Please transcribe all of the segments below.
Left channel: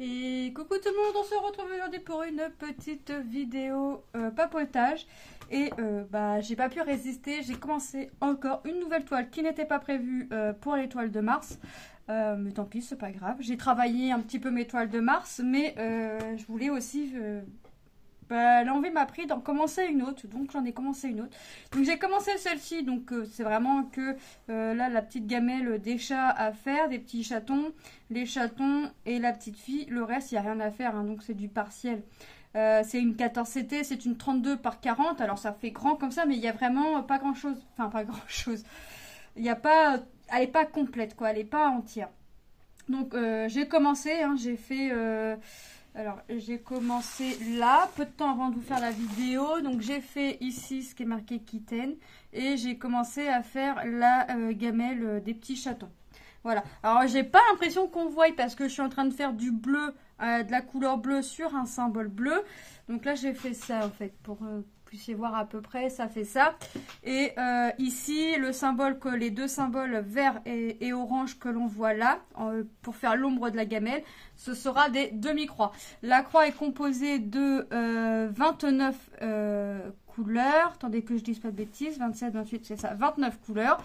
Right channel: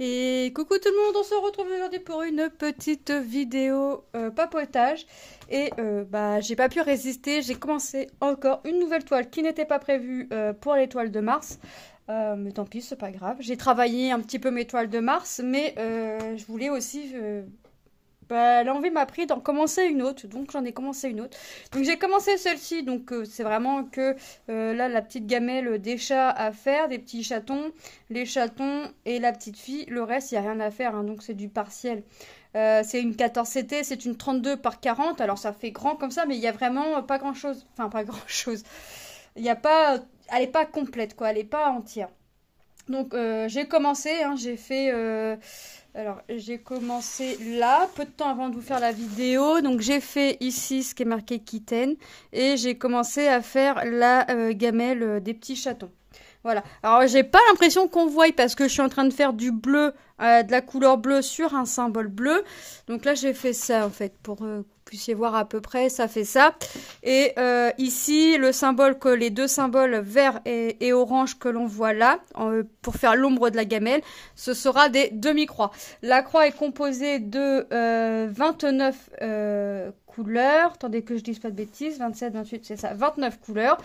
Et coucou tout le monde, on se retrouve aujourd'hui pour une petite vidéo papotage. Et j'ai pas pu résister, j'ai commencé encore une nouvelle toile qui n'était pas prévue pour les toiles de Mars. Mais tant pis, c'est pas grave. J'ai travaillé un petit peu mes toiles de Mars, mais je voulais aussi l'envie m'a pris d'en commencer une autre, donc j'en ai commencé une autre. Donc j'ai commencé celle-ci, donc c'est vraiment que là la petite gamelle des chats à faire, des petits chatons, les chatons et la petite fille. Le reste, il n'y a rien à faire, hein, donc c'est du partiel. C'est une 14CT, c'est une 32 par 40, alors ça fait grand comme ça, mais il n'y a vraiment pas grand-chose. Enfin, pas grand-chose. Il n'y a pas... Elle n'est pas complète, quoi, elle n'est pas entière. Donc j'ai commencé, hein, j'ai fait... alors, j'ai commencé là, peu de temps avant de vous faire la vidéo. Donc, j'ai fait ici ce qui est marqué Kitten. Et j'ai commencé à faire la gamelle des petits chatons. Voilà. Alors, j'ai pas l'impression qu'on voit parce que je suis en train de faire du bleu, de la couleur bleue sur un symbole bleu. Donc là, j'ai fait ça en fait pour que vous puissiez voir à peu près. Ça fait ça. Et ici, le symbole que les deux symboles vert et orange que l'on voit là pour faire l'ombre de la gamelle, ce sera des demi-croix. La croix est composée de 29 couleurs. Attendez que je dise pas de bêtises. 27, 28, c'est ça. 29 couleurs.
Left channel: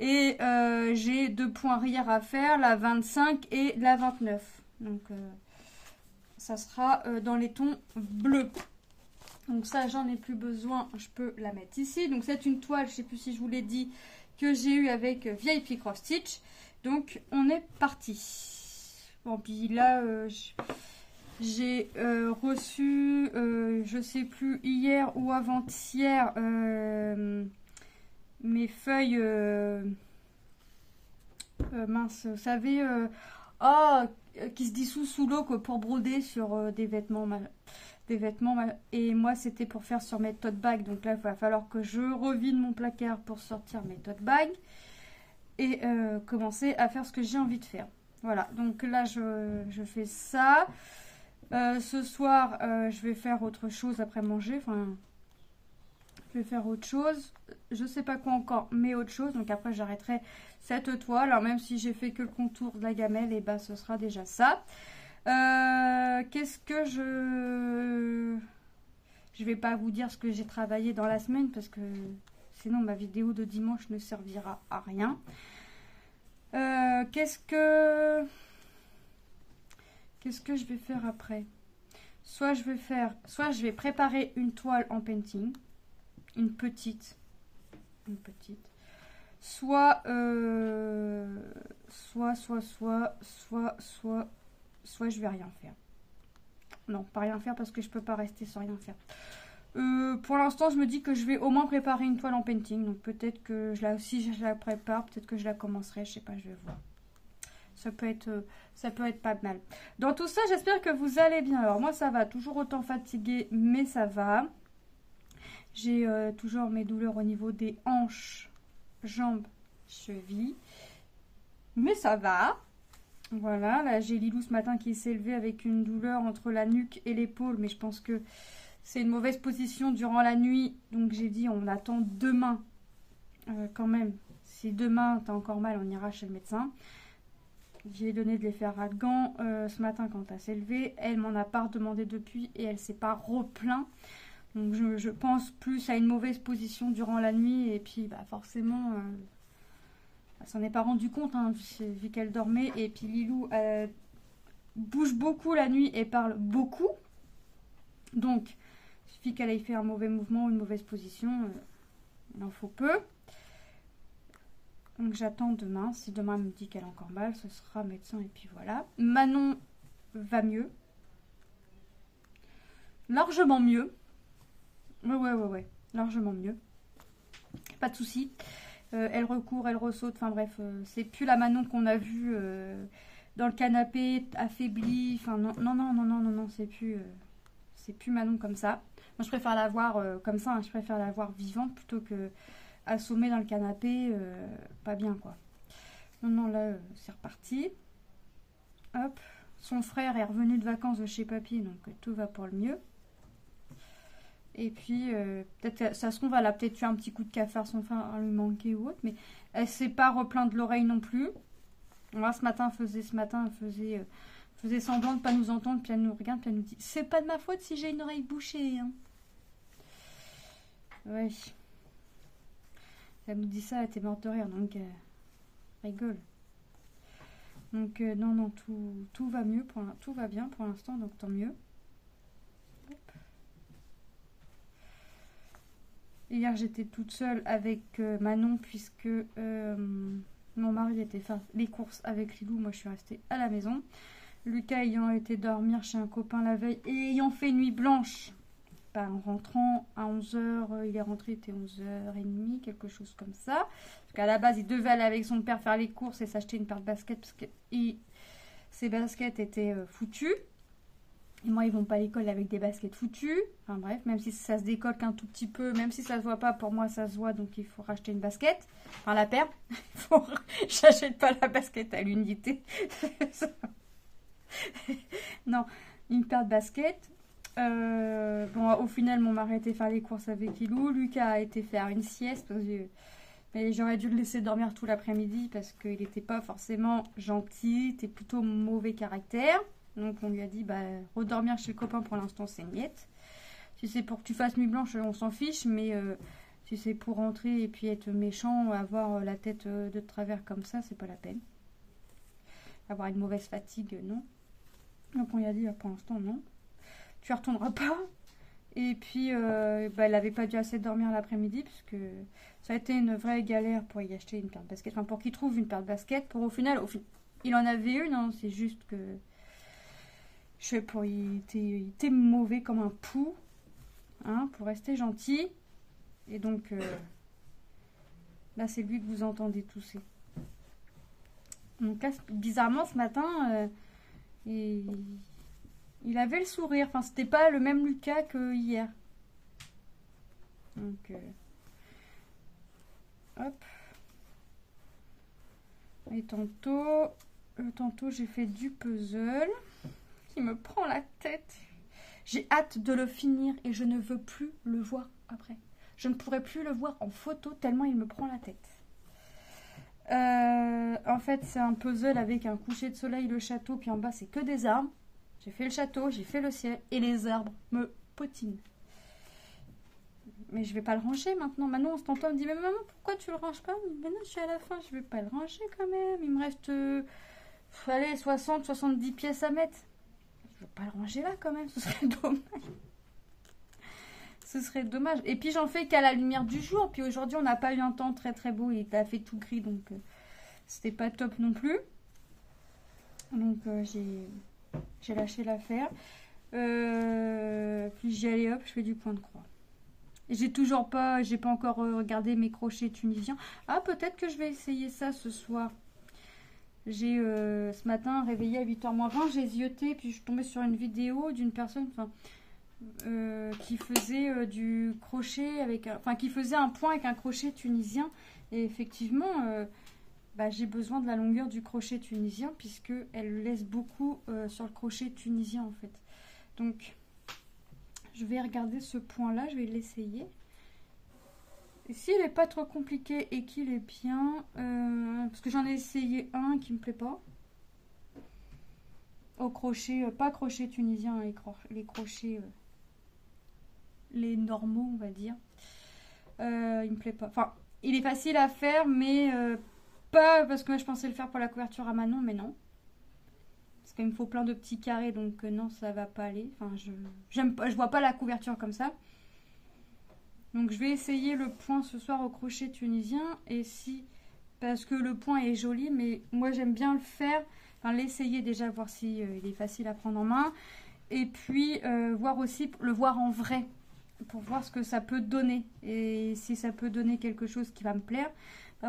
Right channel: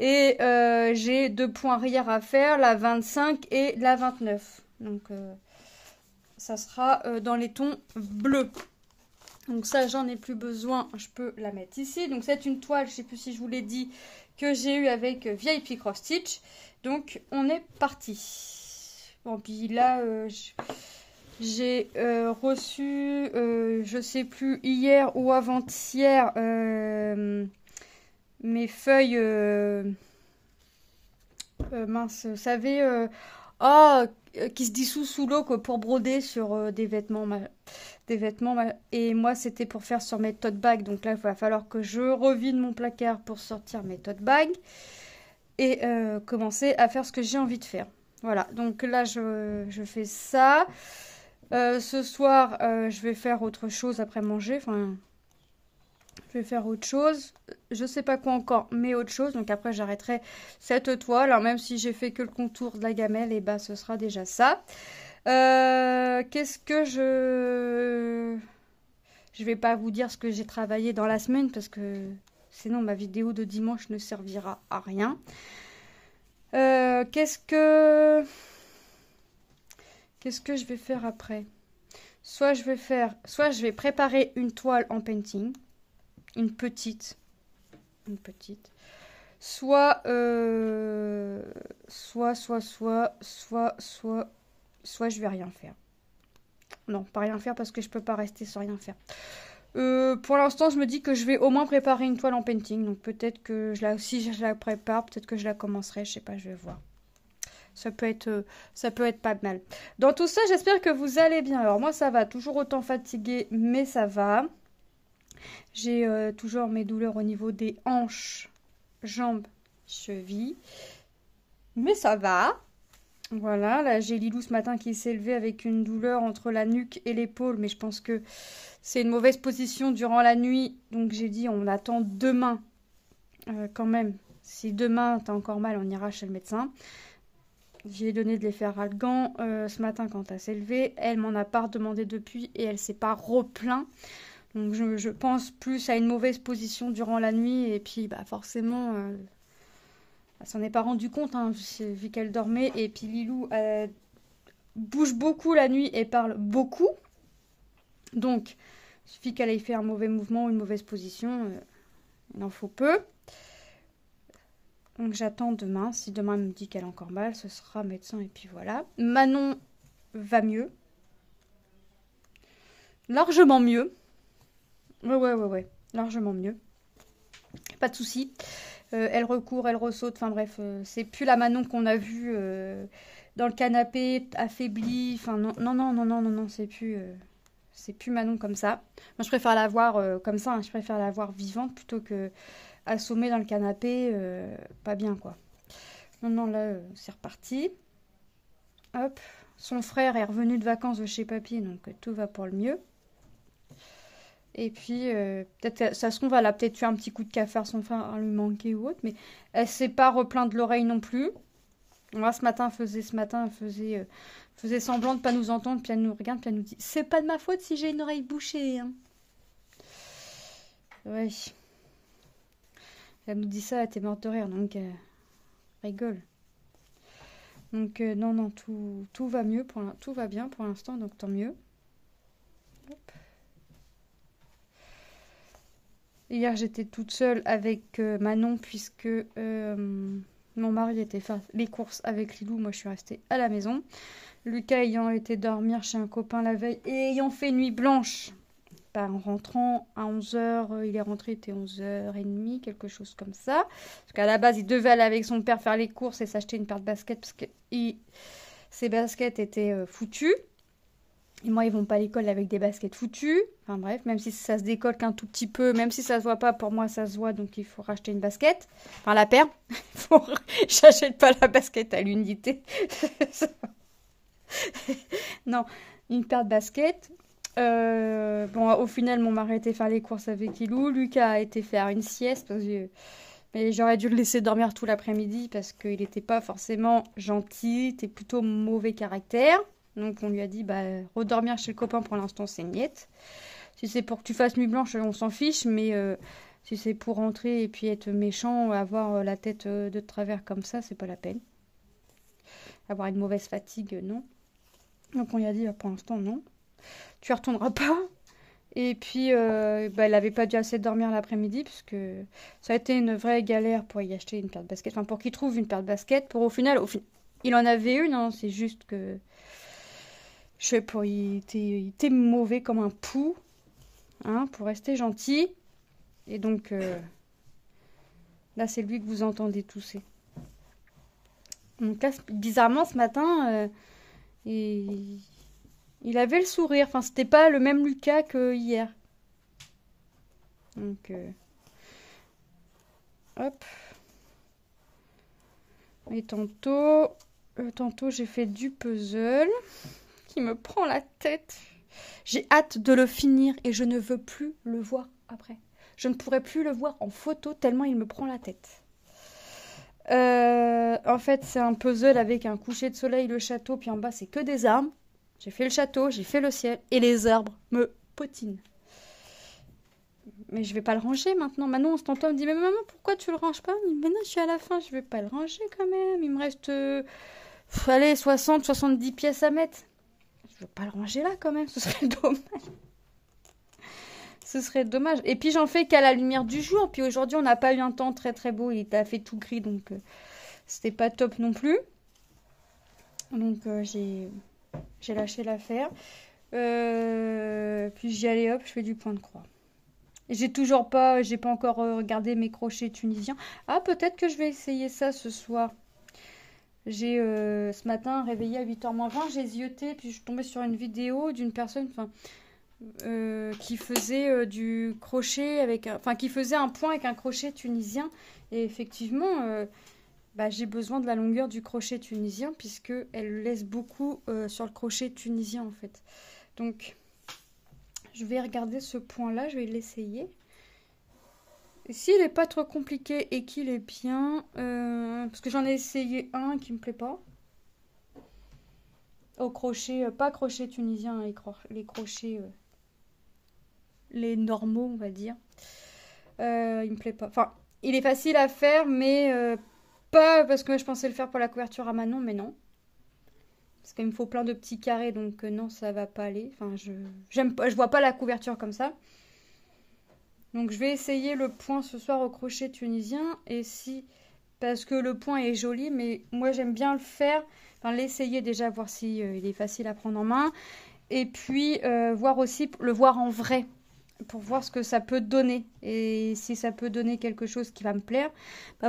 Et j'ai deux points arrière à faire, la 25 et la 29. Donc ça sera dans les tons bleus. Donc ça, j'en ai plus besoin, je peux la mettre ici. Donc c'est une toile, je ne sais plus si je vous l'ai dit, que j'ai eu avec VIP Cross Stitch. Donc on est parti. Bon, puis là, j'ai reçu, je sais plus, hier ou avant-hier, mes feuilles... mince, vous savez, qui se dissout sous l'eau pour broder sur des vêtements. Et moi, c'était pour faire sur mes tote bags. Donc là, il va falloir que je revide mon placard pour sortir mes tote bags et commencer à faire ce que j'ai envie de faire. Voilà, donc là, je fais ça. Ce soir, je vais faire autre chose après manger. Enfin, je vais faire autre chose. Je sais pas quoi encore, mais autre chose. Donc après, j'arrêterai cette toile. Alors même si j'ai fait que le contour de la gamelle, et bah ce sera déjà ça. Qu'est-ce que je... Je vais pas vous dire ce que j'ai travaillé dans la semaine parce que sinon ma vidéo de dimanche ne servira à rien. Qu'est-ce que je vais faire après? Soit je vais préparer une toile en painting, une petite, soit je vais rien faire. Non, pas rien faire parce que je peux pas rester sans rien faire. Pour l'instant, je me dis que je vais au moins préparer une toile en painting. Donc peut-être que si je la prépare, peut-être que je la commencerai. Je sais pas, je vais voir. Ça peut être pas mal. Dans tout ça, j'espère que vous allez bien. Alors moi, ça va. Toujours autant fatiguée, mais ça va. J'ai toujours mes douleurs au niveau des hanches, jambes, chevilles. Mais ça va. Voilà, là j'ai Lilou ce matin qui s'est levé avec une douleur entre la nuque et l'épaule. Mais je pense que c'est une mauvaise position durant la nuit. Donc j'ai dit on attend demain quand même. Si demain t'as encore mal, on ira chez le médecin. J'ai donné de l'effet Ralgan ce matin quand elle s'est levée. Elle m'en a pas redemandé depuis et elle s'est pas replaint. Donc je pense plus à une mauvaise position durant la nuit et puis bah forcément elle s'en est pas rendu compte hein, vu qu'elle dormait et puis Lilou bouge beaucoup la nuit et parle beaucoup. Donc il suffit qu'elle ait fait un mauvais mouvement ou une mauvaise position, il en faut peu. Donc j'attends demain. Si demain elle me dit qu'elle a encore mal, ce sera médecin et puis voilà. Manon va mieux. Largement mieux. Ouais. Largement mieux. Pas de souci. Elle recourt, elle ressaute. Enfin bref, c'est plus la Manon qu'on a vue dans le canapé, affaiblie. Enfin non, c'est plus Manon comme ça. Moi je préfère la voir comme ça. Hein. Je préfère la voir vivante plutôt que assommée dans le canapé. Pas bien quoi. Non, là c'est reparti. Hop. Son frère est revenu de vacances de chez papy, donc tout va pour le mieux. Et puis, peut-être, ça se trouve, elle a peut-être eu un petit coup de cafard, son frère lui manquer ou autre, mais elle s'est pas replainte de l'oreille non plus. Moi, ce matin, faisait semblant de pas nous entendre, puis elle nous regarde, puis elle nous dit, c'est pas de ma faute si j'ai une oreille bouchée, hein. Ouais. Elle nous dit ça, elle était morte de rire, donc rigole. Donc non, non, tout va mieux, tout va bien pour l'instant, donc tant mieux. Hop. Hier, j'étais toute seule avec Manon, puisque mon mari était faire les courses avec Lilou. Moi, je suis restée à la maison. Lucas ayant été dormir chez un copain la veille et ayant fait nuit blanche, en rentrant à 11h, il est rentré, il était 11h30, quelque chose comme ça. Parce qu'à la base, il devait aller avec son père faire les courses et s'acheter une paire de baskets parce que ses baskets étaient foutues. Et moi, ils vont pas à l'école avec des baskets foutues. Enfin bref, même si ça se décolle qu'un tout petit peu, même si ça se voit pas, pour moi, ça se voit, donc il faut racheter une basket. Enfin, la paire. J'achète pas la basket à l'unité. Non, une paire de baskets. Bon, au final, mon mari était faire les courses avec Ilou. Lucas a été faire une sieste. Mais j'aurais dû le laisser dormir tout l'après-midi parce qu'il n'était pas forcément gentil. Il était plutôt mauvais caractère. Donc on lui a dit, redormir chez le copain pour l'instant, c'est niette. Si c'est pour que tu fasses nuit blanche, on s'en fiche. Mais si c'est pour rentrer et puis être méchant, avoir la tête de travers comme ça, c'est pas la peine. Avoir une mauvaise fatigue, non. Donc on lui a dit, pour l'instant, non. Tu ne retourneras pas. Et puis, elle n'avait pas dû assez dormir l'après-midi, puisque ça a été une vraie galère pour y acheter une paire de baskets. Enfin, pour qu'il trouve une paire de baskets. Pour au final, il en avait une, hein, c'est juste que... Je sais pas, il était mauvais comme un pou, hein, pour rester gentil. Et donc, là, c'est lui que vous entendez tousser. Donc là, bizarrement, ce matin, il avait le sourire. Enfin, c'était pas le même Lucas que hier. Donc, hop. Et tantôt, j'ai fait du puzzle qui me prend la tête. J'ai hâte de le finir et je ne veux plus le voir après. Je ne pourrai plus le voir en photo tellement il me prend la tête. En fait, c'est un puzzle avec un coucher de soleil, le château, puis en bas, c'est que des arbres. J'ai fait le château, j'ai fait le ciel, et les arbres me potinent. Mais je vais pas le ranger maintenant. Manon, on s'entend, me dit, mais maman, pourquoi tu le ranges pas? Mais non, je suis à la fin, je vais pas le ranger quand même. Il me reste, allez, 60, 70 pièces à mettre. Je vais pas le ranger là quand même, ce serait dommage. Ce serait dommage. Et puis j'en fais qu'à la lumière du jour. Puis aujourd'hui, on n'a pas eu un temps très très beau. Il a fait tout gris, donc c'était pas top non plus. Donc j'ai lâché l'affaire. Puis j'y allais, hop, je fais du point de croix. Et j'ai pas encore regardé mes crochets tunisiens. Ah, peut-être que je vais essayer ça ce soir. J'ai ce matin réveillé à 8h moins 20, j'ai zioté, puis je suis tombée sur une vidéo d'une personne qui faisait du crochet qui faisait un point avec un crochet tunisien. Et effectivement, j'ai besoin de la longueur du crochet tunisien puisque elle laisse beaucoup sur le crochet tunisien en fait. Donc, je vais regarder ce point-là, je vais l'essayer. S'il n'est pas trop compliqué et qu'il est bien, parce que j'en ai essayé un qui me plaît pas. Au crochet, pas crochet tunisien, les crochets, les normaux, on va dire. Il me plaît pas. Enfin, il est facile à faire, mais pas parce que je pensais le faire pour la couverture à Manon, mais non. Parce qu'il me faut plein de petits carrés, donc non, ça va pas aller. Enfin, je vois pas la couverture comme ça. Donc je vais essayer le point ce soir au crochet tunisien. Parce que le point est joli, mais moi j'aime bien le faire. Enfin, l'essayer déjà, voir si il est facile à prendre en main. Et puis voir aussi, le voir en vrai. Pour voir ce que ça peut donner. Et si ça peut donner quelque chose qui va me plaire,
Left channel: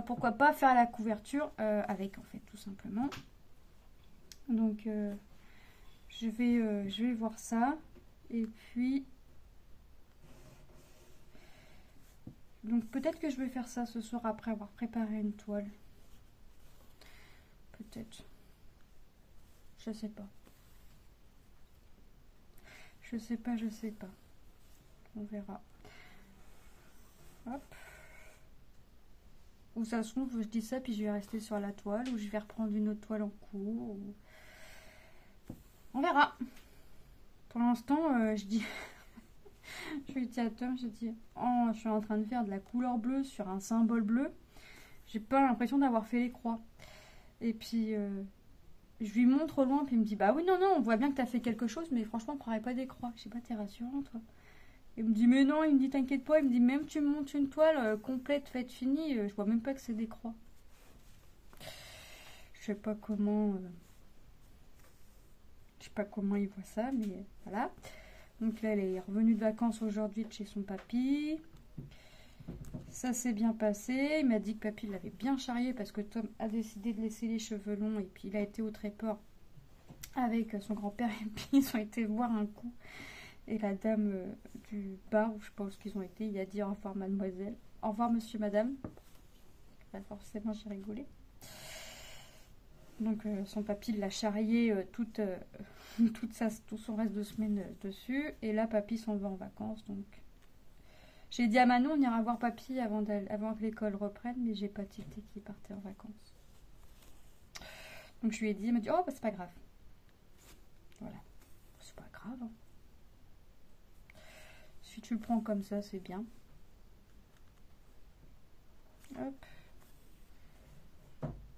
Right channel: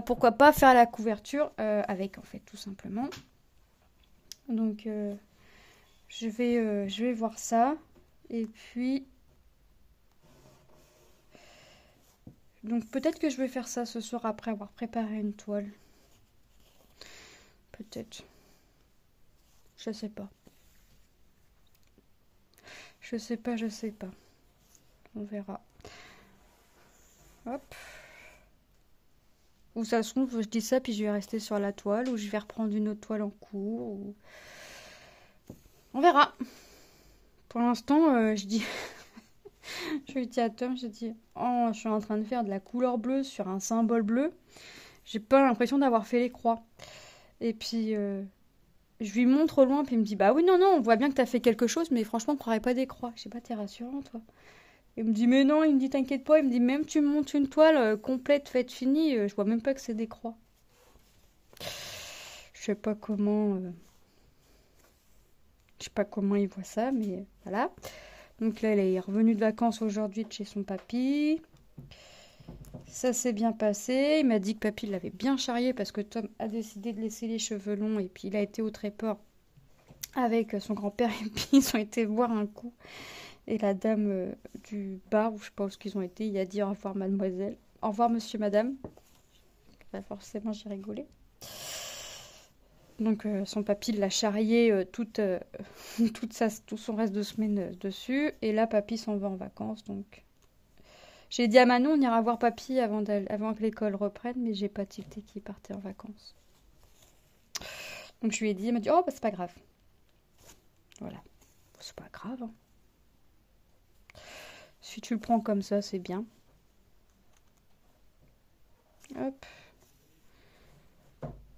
pourquoi pas faire la couverture avec en fait, tout simplement. Donc je vais voir ça. Et puis... Donc peut-être que je vais faire ça ce soir après avoir préparé une toile. Peut-être. Je sais pas. Je sais pas. On verra. Hop. Ou ça se trouve, je dis ça, puis je vais rester sur la toile, ou je vais reprendre une autre toile en cours. On verra. Pour l'instant, je dis... je lui dis à Tom, je dis, oh, je suis en train de faire de la couleur bleue sur un symbole bleu. J'ai pas l'impression d'avoir fait les croix. Et puis, je lui montre au loin, puis il me dit, bah oui, non, non, on voit bien que t'as fait quelque chose, mais franchement, on croirait pas des croix. Je sais pas, t'es rassurant, toi. Il me dit, mais non, il me dit, t'inquiète pas. Il me dit, même tu me montes une toile complète, faite, finie, je vois même pas que c'est des croix. Je sais pas comment... je sais pas comment il voit ça, mais voilà. Donc là, elle est revenue de vacances aujourd'hui de chez son papy. Ça s'est bien passé. Il m'a dit que papy l'avait bien charrié parce que Tom a décidé de laisser les cheveux longs. Et puis il a été au tréport avec son grand-père. Et puis ils ont été boire un coup. Et la dame du bar, ou je sais pas où ils ont été, il a dit au revoir mademoiselle. Au revoir monsieur, madame. Bah, forcément, j'ai rigolé. Donc son papy l'a charrié tout son reste de semaine dessus. Et là, papy s'en va en vacances. Donc j'ai dit à Manon, on ira voir papy avant que l'école reprenne. Mais j'ai pas tilté qu'il partait en vacances. Donc je lui ai dit, il m'a dit, oh bah c'est pas grave. Voilà, c'est pas grave. Hein. Si tu le prends comme ça, c'est bien. Hop.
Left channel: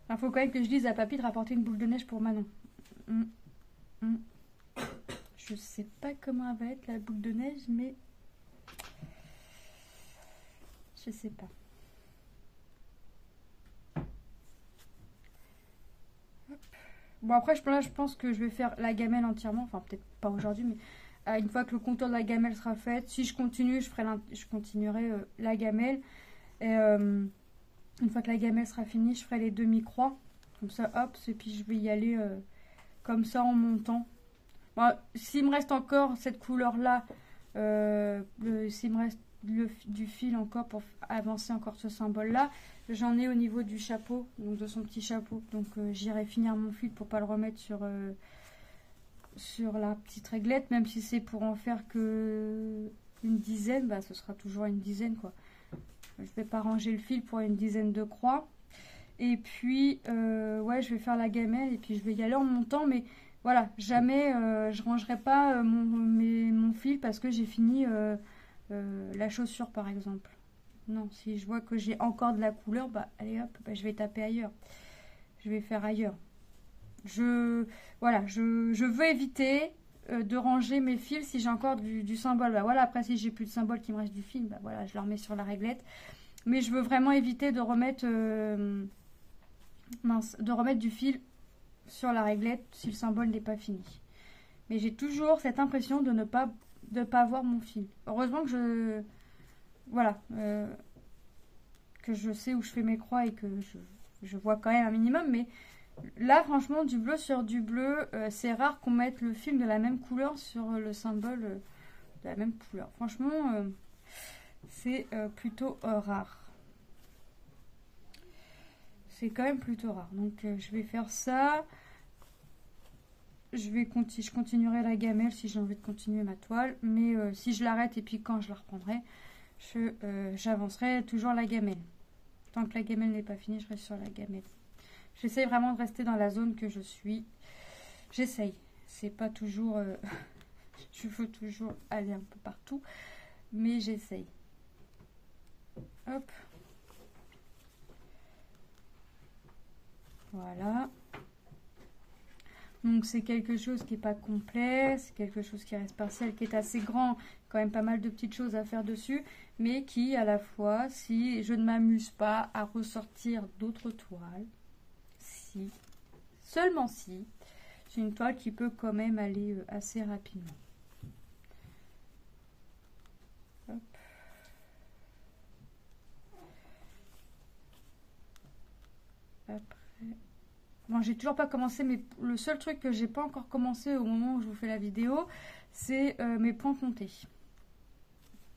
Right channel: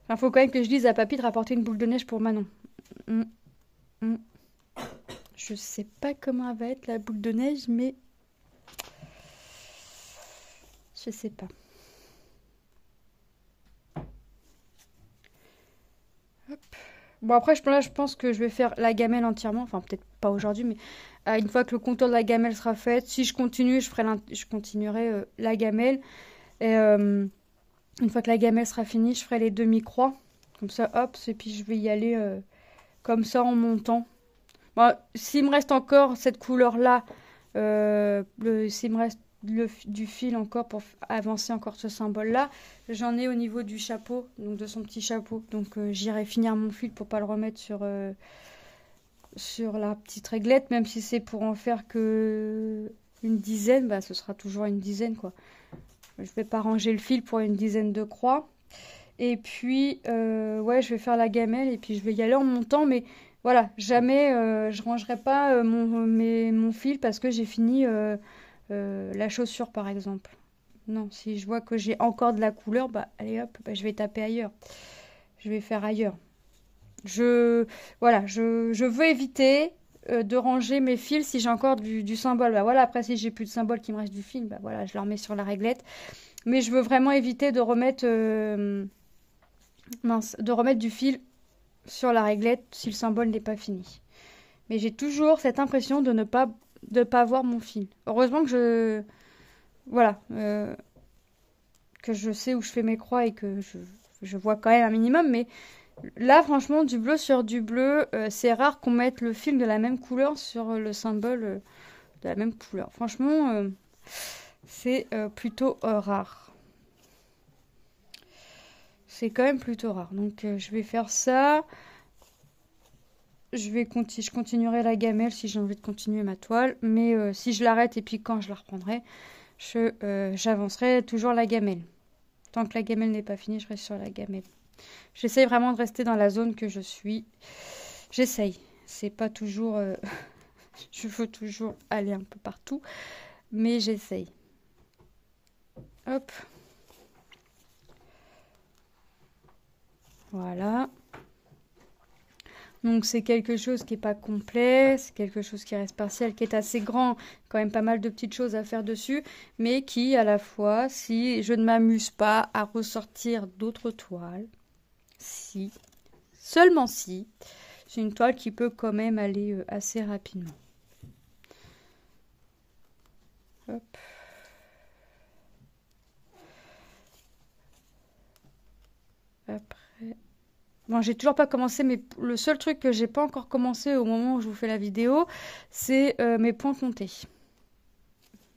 Enfin, faut quand même que je dise à papy de rapporter une boule de neige pour Manon. Je sais pas comment elle va être la boule de neige, mais je sais pas. Hop. Bon après, je pense que je vais faire la gamelle entièrement. Enfin, peut-être pas aujourd'hui, mais une fois que le contour de la gamelle sera fait, si je continue, je continuerai la gamelle. Et une fois que la gamelle sera finie, je ferai les demi-croix. Comme ça, hop, et puis je vais y aller comme ça en montant. Bon, s'il me reste encore cette couleur-là, s'il me reste du fil encore pour avancer encore ce symbole-là, j'en ai au niveau du chapeau, donc de son petit chapeau. Donc j'irai finir mon fil pour pas le remettre sur la petite réglette, même si c'est pour en faire que une dizaine, bah ce sera toujours une dizaine quoi. Je vais pas ranger le fil pour une dizaine de croix. Et puis, ouais, je vais faire la gamelle et puis je vais y aller en montant. Mais voilà, jamais je rangerai pas mon fil parce que j'ai fini la chaussure, par exemple. Non, si je vois que j'ai encore de la couleur, bah allez hop, bah, je vais taper ailleurs. Je vais faire ailleurs. Voilà, je veux éviter de ranger mes fils si j'ai encore du symbole. Bah voilà, après si j'ai plus de symbole qui me reste du fil, bah voilà, je le remets sur la réglette. Mais je veux vraiment éviter de remettre du fil sur la réglette si le symbole n'est pas fini. Mais j'ai toujours cette impression de ne pas voir mon fil. Heureusement que voilà, que je sais où je fais mes croix et que je vois quand même un minimum. Mais là, franchement, du bleu sur du bleu, c'est rare qu'on mette le fil de la même couleur sur le symbole de la même couleur. Franchement, c'est plutôt rare. C'est quand même plutôt rare. Donc je vais faire ça. Je continuerai la gamelle si j'ai envie de continuer ma toile. Mais si je l'arrête et puis quand je la reprendrai, j'avancerai toujours la gamelle. Tant que la gamelle n'est pas finie, je reste sur la gamelle. J'essaye vraiment de rester dans la zone que je suis. J'essaye. C'est pas toujours... je veux toujours aller un peu partout. Mais j'essaye. Hop. Voilà. Donc c'est quelque chose qui n'est pas complet, c'est quelque chose qui reste partiel, qui est assez grand, quand même pas mal de petites choses à faire dessus, mais qui à la fois, si je ne m'amuse pas à ressortir d'autres toiles, seulement si, c'est une toile qui peut quand même aller assez rapidement. Hop. Après... Bon, j'ai toujours pas commencé, mais le seul truc que j'ai pas encore commencé au moment où je vous fais la vidéo, c'est mes points comptés.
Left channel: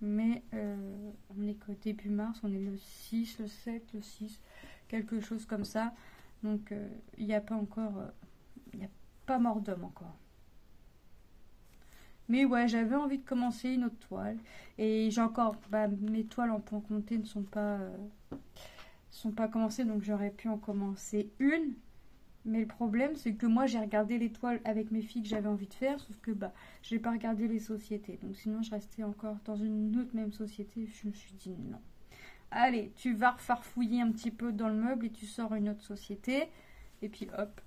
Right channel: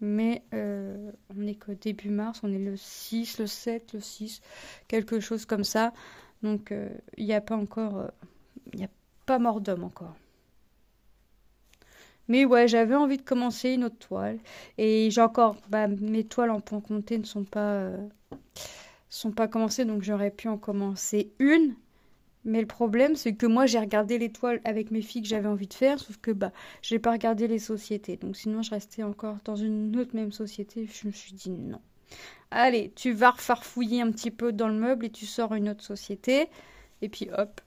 Mais on est qu'au début mars, on est le 6, le 7, le 6, quelque chose comme ça. Donc il n'y a pas encore, il n'y a pas mort d'homme encore. Mais ouais, j'avais envie de commencer une autre toile. Et j'ai encore, mes toiles en points comptés ne sont pas sont pas commencées, donc j'aurais pu en commencer une. Mais le problème, c'est que moi, j'ai regardé les toiles avec mes filles que j'avais envie de faire, sauf que bah, j'ai pas regardé les sociétés. Donc sinon, je restais encore dans une autre même société. Je me suis dit non. Allez, tu vas refarfouiller un petit peu dans le meuble et tu sors une autre société. Et puis hop,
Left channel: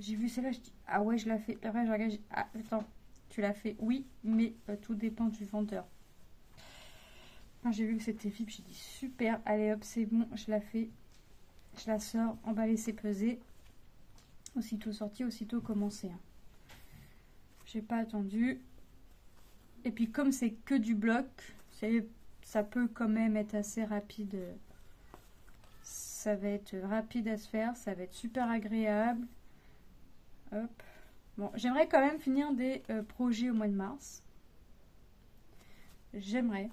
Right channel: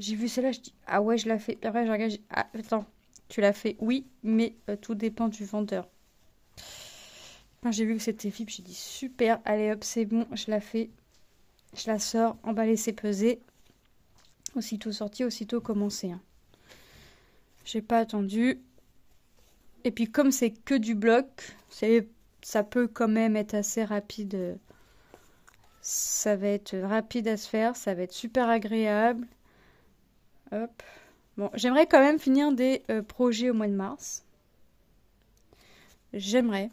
j'ai vu celle-là, je dis ah ouais, je la fais. Après, je regarde, ah attends, tu l'as fait, oui, mais tout dépend du vendeur. Quand j'ai vu que c'était VIP, j'ai dit super, allez hop, c'est bon, je la fais. Je la sors, emballer, c'est pesé. Aussitôt sorti, aussitôt commencé. Hein. J'ai pas attendu. Et puis comme c'est que du bloc, ça peut quand même être assez rapide. Ça va être rapide à se faire, ça va être super agréable. Hop. Bon, j'aimerais quand même finir des projets au mois de mars. J'aimerais.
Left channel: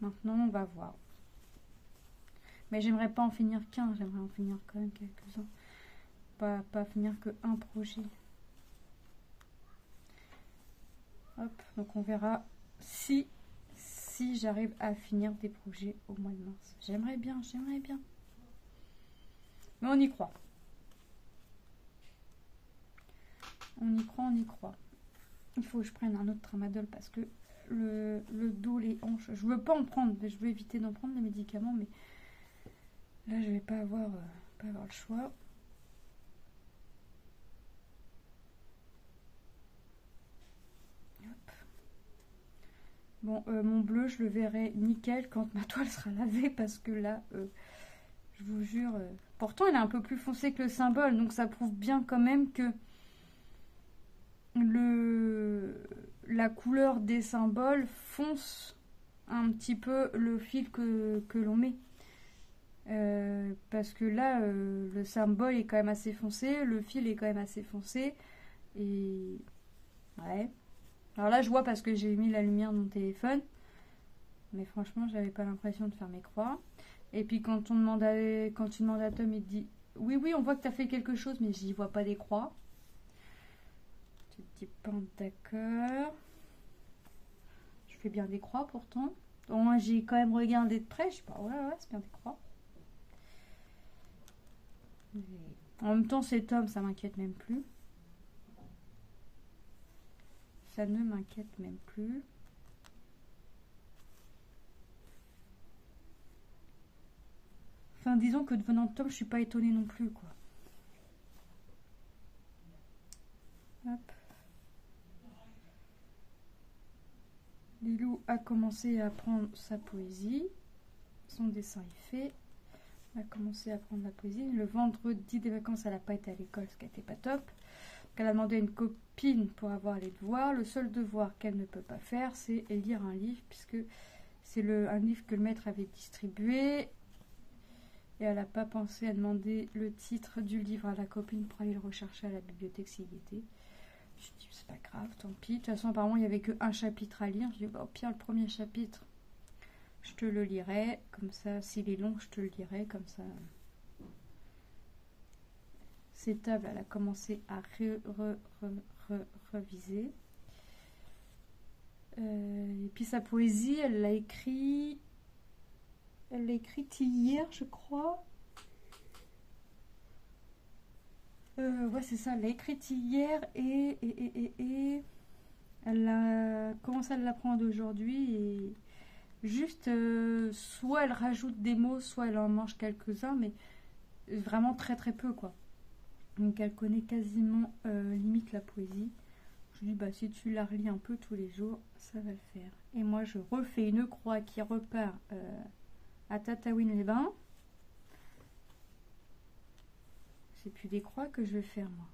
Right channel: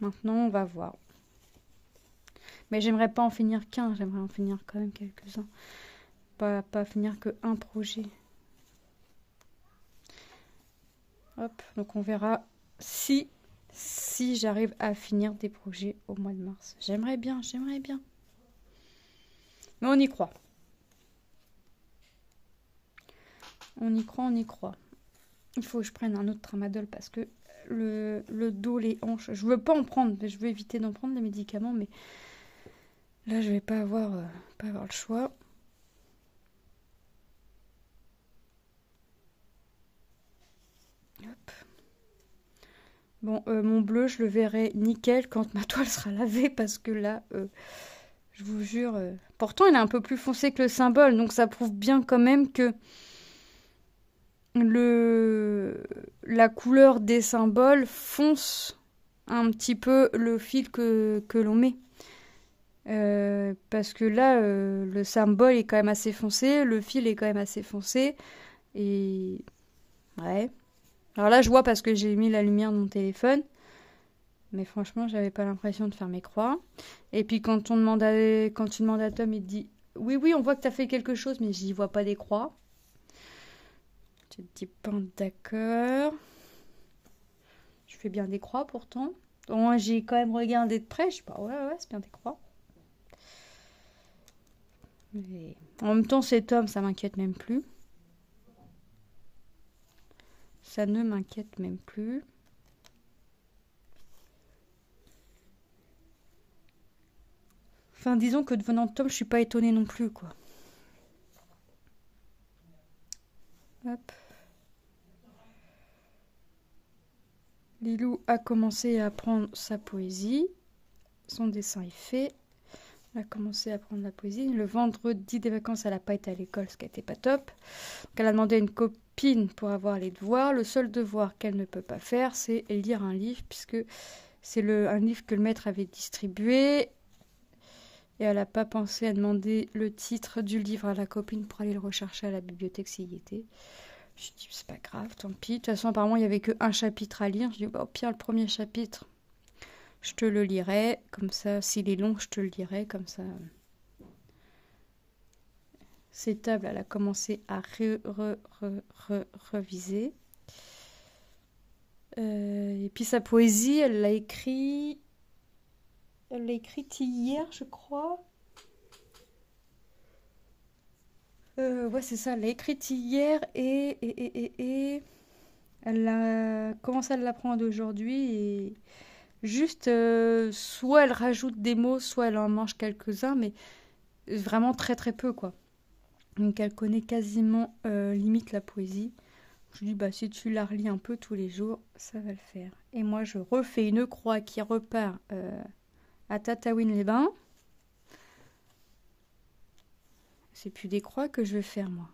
Maintenant, on va voir. Mais j'aimerais pas en finir qu'un, j'aimerais en finir quand même quelques-uns. Pas finir que un projet. Hop, donc on verra si j'arrive à finir des projets au mois de mars. J'aimerais bien. Mais on y croit. On y croit. Il faut que je prenne un autre tramadol parce que le dos, les hanches, je veux pas en prendre, je veux éviter d'en prendre des médicaments, mais là je vais pas avoir le choix. Hop. Bon, mon bleu, je le verrai nickel quand ma toile sera lavée parce que là, je vous jure, pourtant il est un peu plus foncé que le symbole, donc ça prouve bien quand même que la couleur des symboles fonce un petit peu le fil que l'on met. Parce que là, le symbole est quand même assez foncé, le fil est quand même assez foncé. Et ouais. Alors là, je vois parce que j'ai mis la lumière de mon téléphone. Mais franchement, j'avais pas l'impression de faire mes croix. Et puis quand tu demandes à Tom, il te dit oui, on voit que tu as fait quelque chose, mais j'y vois pas des croix. Je te dis pas d'accord. Je fais bien des croix pourtant. Moi, j'ai quand même regardé de près. Je sais pas, ouais, c'est bien des croix. Mais en même temps, cet homme, ça m'inquiète même plus. Ça ne m'inquiète même plus. Enfin, disons que devenant Tom, je suis pas étonnée non plus, quoi. Hop. Lilou a commencé à apprendre sa poésie. Son dessin est fait. Elle a commencé à apprendre la poésie. Le vendredi des vacances, elle n'a pas été à l'école, ce qui n'était pas top. Donc elle a demandé à une copine pour avoir les devoirs. Le seul devoir qu'elle ne peut pas faire, c'est lire un livre, puisque c'est un livre que le maître avait distribué. Et elle n'a pas pensé à demander le titre du livre à la copine pour aller le rechercher à la bibliothèque s'il y était. Je dis, c'est pas grave, tant pis. De toute façon, apparemment, il n'y avait qu'un chapitre à lire. Je dis, bah, au pire, le premier chapitre, je te le lirai. Comme ça, s'il est long, je te le lirai. Comme ça. Ces tables, elle a commencé à reviser. Et puis sa poésie, elle l'a écrite hier, je crois. Ouais, c'est ça, elle l'a écrite hier et elle a commencé à l'apprendre aujourd'hui et juste, soit elle rajoute des mots, soit elle en mange quelques-uns, mais vraiment très très peu, quoi. Donc elle connaît quasiment limite la poésie. Je lui dis, bah si tu la relis un peu tous les jours, ça va le faire. Et moi, je refais une croix qui repart à Tataouine-les-Bains. C'est plus des croix que je vais faire, moi.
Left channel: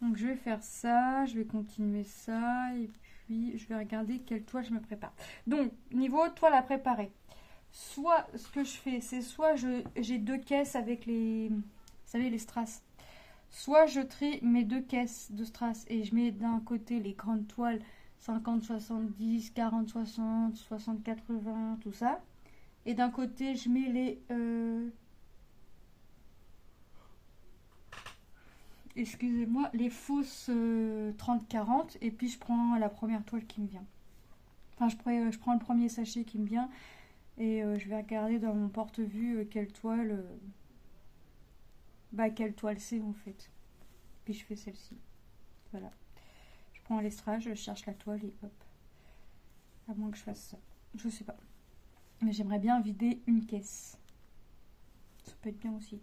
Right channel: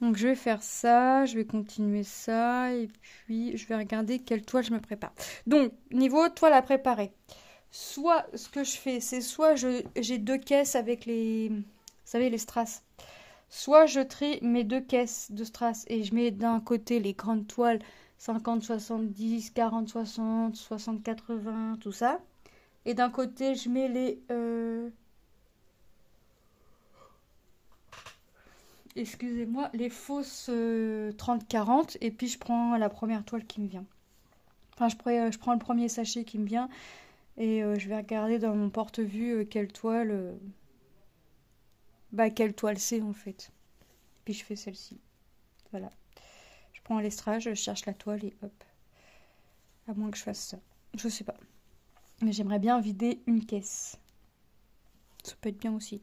Donc je vais faire ça, je vais continuer ça, et puis je vais regarder quelle toile je me prépare. Donc, niveau toile à préparer. Soit, ce que je fais, c'est soit j'ai 2 caisses avec les... Vous savez, les strass. Soit je trie mes 2 caisses de strass et je mets d'un côté les grandes toiles 50, 70, 40, 60, 60, 80, tout ça. Et d'un côté, je mets les... excusez-moi, les fausses 30-40 et puis je prends la première toile qui me vient. Enfin, je prends le premier sachet qui me vient Et je vais regarder dans mon porte-vue quelle toile c'est en fait. Puis je fais celle-ci. Voilà. Je prends l'estrage, je cherche la toile et hop. À moins que je fasse ça. Je sais pas. Mais j'aimerais bien vider une caisse. Ça peut être bien aussi.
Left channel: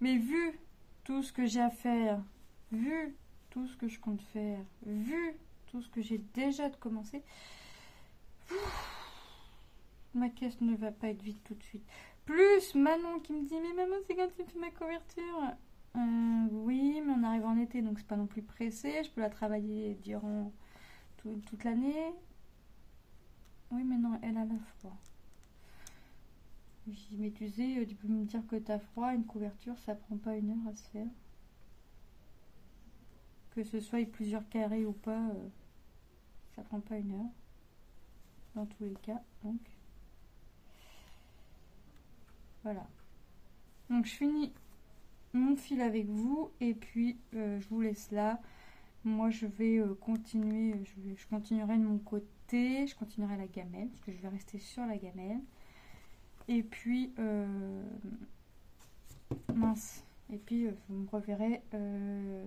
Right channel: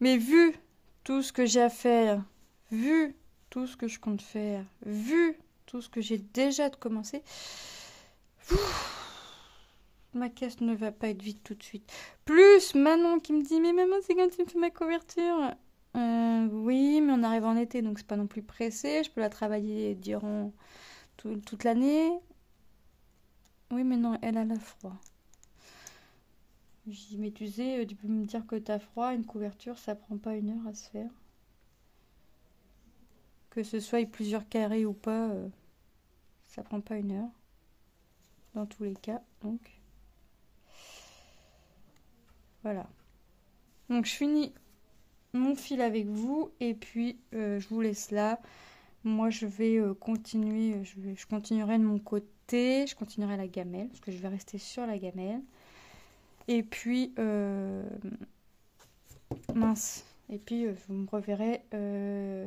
Mais vu tout ce que j'ai à faire, vu tout ce que je compte faire, vu tout ce que j'ai déjà de commencer, ma caisse ne va pas être vide tout de suite. Plus Manon qui me dit, mais maman, c'est quand tu me fais ma couverture? Oui, mais on arrive en été, donc c'est pas non plus pressé. Je peux la travailler durant toute l'année. Oui, mais non, elle a froid. Je dis, mais tu sais, tu peux me dire que t'as froid, une couverture, ça prend pas 1 heure à se faire. Que ce soit plusieurs carrés ou pas, ça prend pas 1 heure. Dans tous les cas, donc. Voilà. Donc je finis mon fil avec vous et puis je vous laisse là. Moi je vais continuer, je continuerai de mon côté, je continuerai la gamelle parce que je vais rester sur la gamelle. Et puis mince. Et puis vous me reverrez je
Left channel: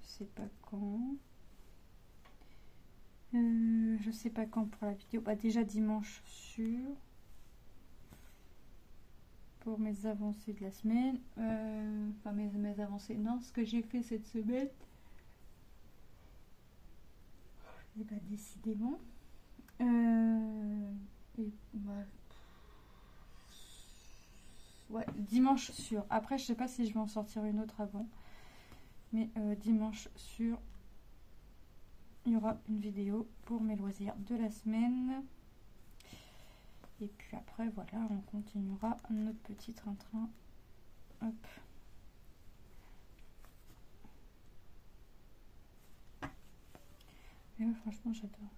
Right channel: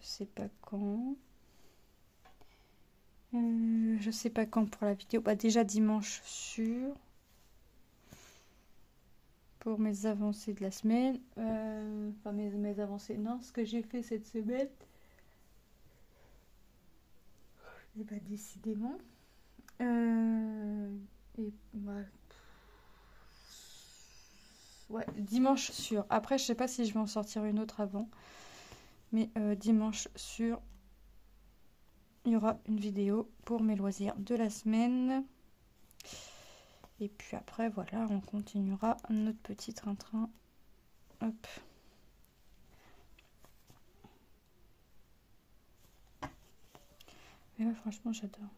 sais pas quand. Je sais pas quand pour la vidéo. Bah déjà dimanche sûr. Pour mes avancées de la semaine. Enfin mes avancées. Non, ce que j'ai fait cette semaine. Et bah décidément. Et ouais, dimanche sûr. Après je sais pas si je vais en sortir une autre avant. Mais dimanche sûr. Il y aura une vidéo pour mes loisirs de la semaine. Et puis après, voilà, on continuera notre petit train-train. Hop. Mais ouais, franchement, j'adore.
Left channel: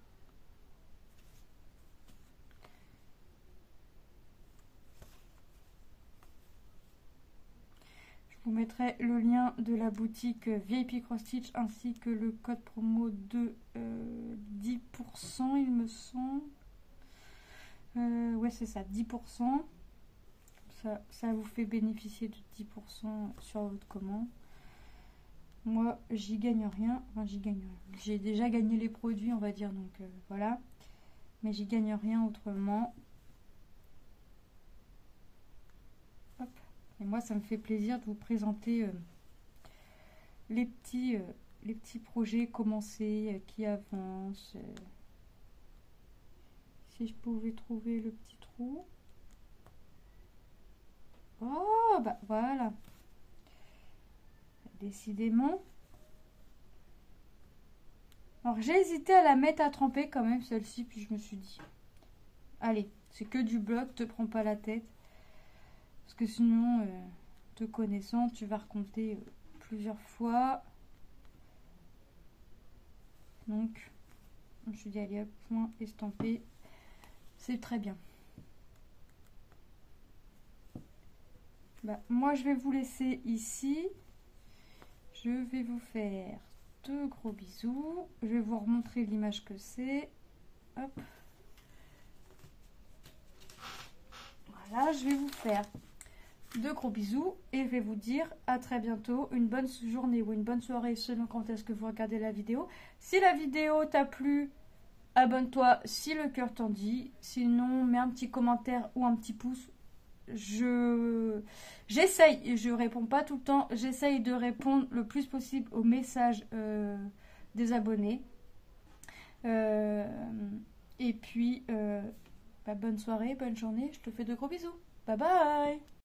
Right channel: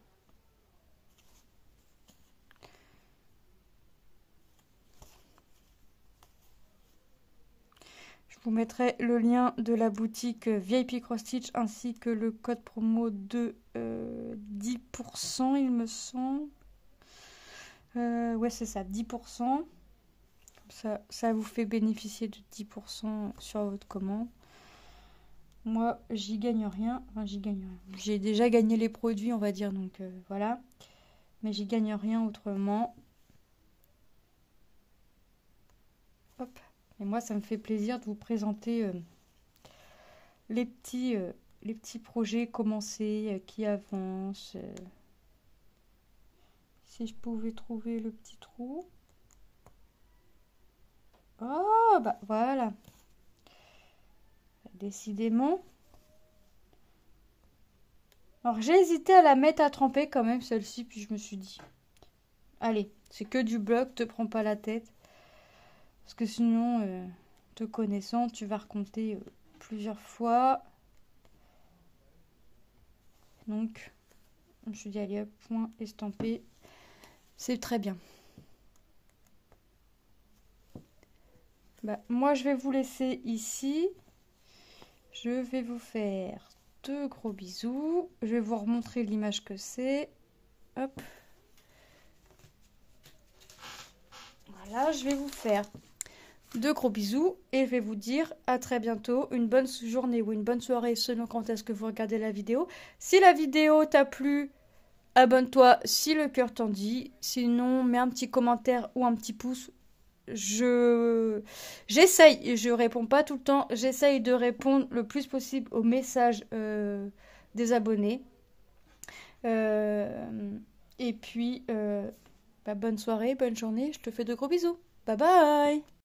Je vous mettrai le lien de la boutique VIP Cross Stitch ainsi que le code promo de 10%, il me semble. Ouais, c'est ça, 10%. Ça vous fait bénéficier de 10% sur votre commande. Moi, j'y gagne rien. Enfin, j'y gagne rien. J'ai déjà gagné les produits, on va dire, donc voilà. Mais j'y gagne rien autrement. Hop. Et moi, ça me fait plaisir de vous présenter les petits projets commencés qui avancent. Si je pouvais trouver le petit trou. Oh, bah voilà. Décidément. Alors, j'ai hésité à la mettre à tremper quand même, celle-ci, puis je me suis dit, allez, c'est que du bloc, te prends pas la tête. Parce que sinon, te connaissant, tu vas recompter plusieurs fois. Donc, je me suis dit, allez hop, point estampé. C'est très bien. Bah, moi, je vais vous laisser ici. Je vais vous faire de gros bisous. Je vais vous remontrer l'image que c'est. Hop. Voilà, je vais vous faire de gros bisous et je vais vous dire à très bientôt, une bonne journée ou une bonne soirée selon quand est-ce que vous regardez la vidéo. Si la vidéo t'a plu, abonne-toi si le cœur t'en dit. Sinon, mets un petit commentaire ou un petit pouce. J'essaye, je réponds pas tout le temps, j'essaye de répondre le plus possible aux messages des abonnés. Et puis, bonne soirée, bonne journée, je te fais de gros bisous. Bye bye!